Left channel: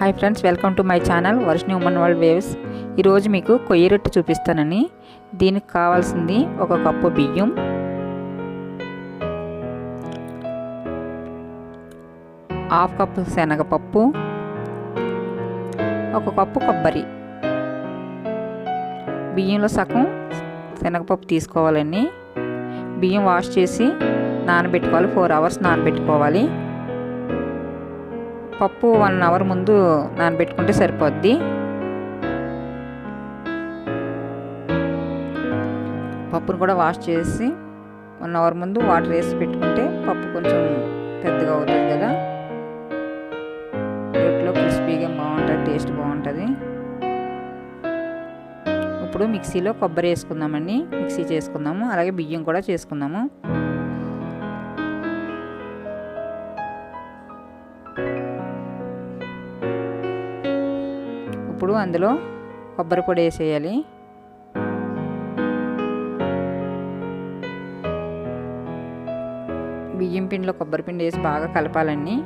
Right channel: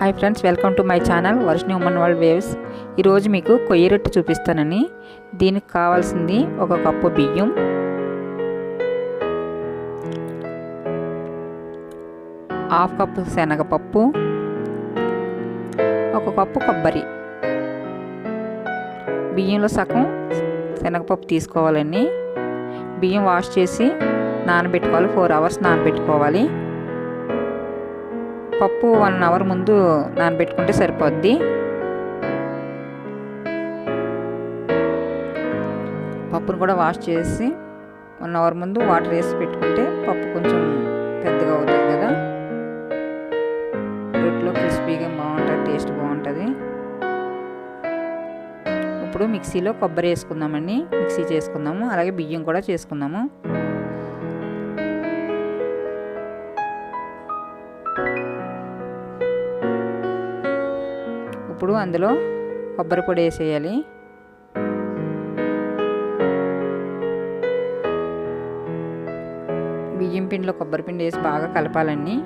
Hi friends, welcome to my channel Varshini women world waves. ఈరోజు మీకు కొయ్య రొట్టె చూపిస్తానని. దీనికి కావాల్సింది 1 కప్పు బియ్యం, 1/2 కప్పు శనగపప్పు, 1 కప్పు కొబ్బరి. బియ్యంలో సగం శనగపప్పు తీసుకోవాలండి. బియ్యం వాష్ చేసి నానబెట్టుకోవాలి, 4 అవర్స్ నానబెట్టుకోవాలి. పప్పు 1 అవర్ ముందు నానబెట్టుకుంటే సరిపోద్ది. పప్పును కూడా వాష్ చేసి 1 అవర్ ముందు వాటర్ వేసి పెట్టుకుంటే పప్పు కొంచెం పెద్దగా అవుతుంది కదా, రొట్టెలో క్రిస్పీగా బాగుంటుంది, టేస్ట్ బాగుంటుంది. ఇప్పుడు మిక్సీలో కొబ్బరి వేసుకుందామండి, మిక్సీ చేసుకుందాము. అలాగే బియ్యం కూడా చేసుకుందాము. ఇప్పుడు అందులో కొబ్బరి పొడి వేసేయాలి. బియ్యం పిండిలో కొబ్బరి పిండి వేసి బాగా కలపాలండి.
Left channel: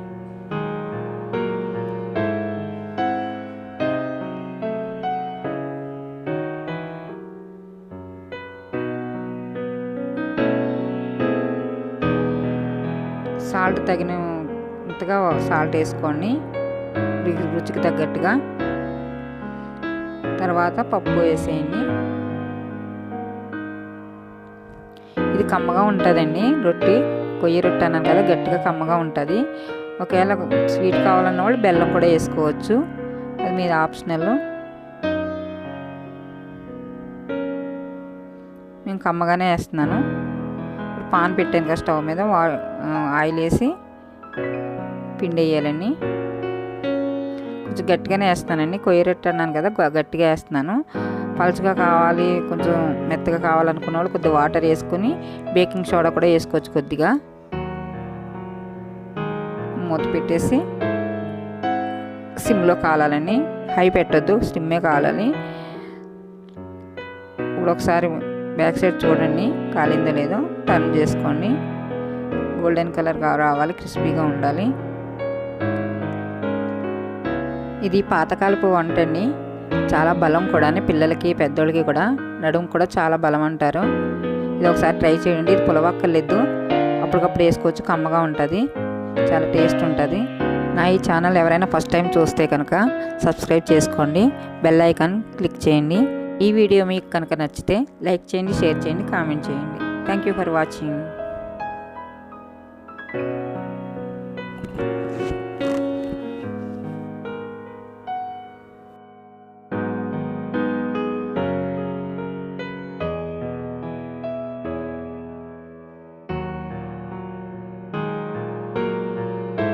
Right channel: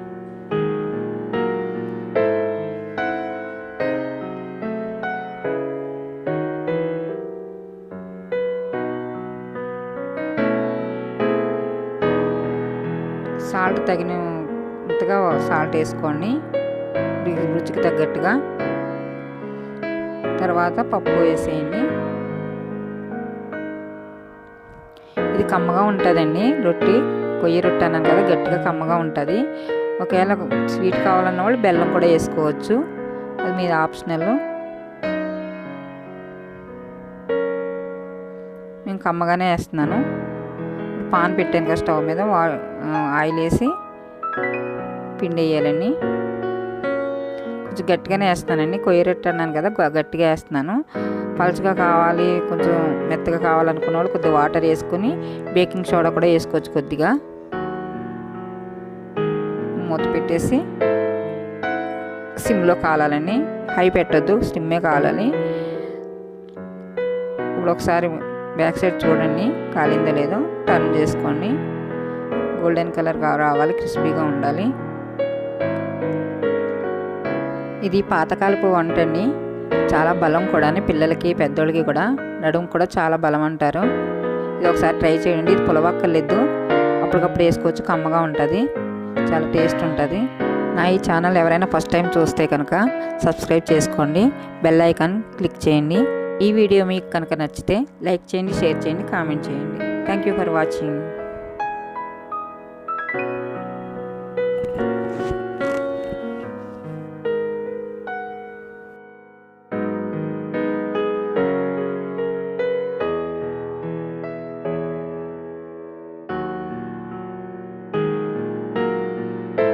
సాల్ట్ తగినంతగా సాల్ట్ వేసుకోండి, రుచికి తగ్గట్టుగా. తర్వాత పప్పు వేసేయండి. ఇది కమ్మగా ఉంటుందండి రొట్టె, కొయ్య రొట్టె అన్నాను కదా, గట్టిగా కమ్మగా ఉంటుంది. ఒకవేళ స్వీట్ కావాలన్న వాళ్ళు బెల్లం కూడా వేసుకోవచ్చు, అది మీద ఆప్షనల్. నేను కమ్మగానే వేస్తున్నాను. ఇప్పుడు పాన్ పెట్టాను కదా స్టవ్ మీద, ఆయిల్ వేసి పిండి వేయాలండి. కొంచెం గట్టిగానే వేస్తానండి, కొయ్య రొట్టె అన్నాను కదా, గట్టిగా వేస్తున్నాను. పలుచగా కావాలి, కొంచెం మెత్తగా కావాలనుకున్న వాళ్ళు కొద్దిగా వాటర్ వేసుకొని బేకింగ్ సోడా కూడా వేసుకోవచ్చు కొద్దిగా. మూత పెట్టేసి సిమ్లో కాలాలని, హై పెట్టద్దు, సిమ్మే కాలాలి. ఇప్పుడు ఒకసారి బ్యాక్ సైడ్ చూడండి, కాలిందో లేదో, టర్న్ చేసుకోండి. గోల్డెన్ కలర్ రావాలి, క్రిస్పీగా ఉండాలి. ఇది పాతకాలపు వంట అండి, చాలా బలం కూడా, పిల్లలకి పెద్దోళ్ళకి కూడా, నడుము కూడా చాలా బలం అంటారు. ఇది ఒకసారి ట్రై చేయండి. ఇది పులవక్కర్లేదు, అప్పటికప్పుడు వేసుకోవచ్చు, కమ్మగా ఉంటుంది, చాలా టేస్ట్ ఉంటుంది. నా ఈ ఛానల్ ఎవరైనా ఫస్ట్ టైం చూస్తే కనుక సబ్స్క్రైబ్ చేసుకోండి, బెల్ ఐకాన్ క్లిక్ చేయండి. ఈ వీడియో మీకు కనుక నచ్చితే లైక్ చేయండి, షేర్ చేయండి, కామెంట్ చేయండి. Thank you for watching.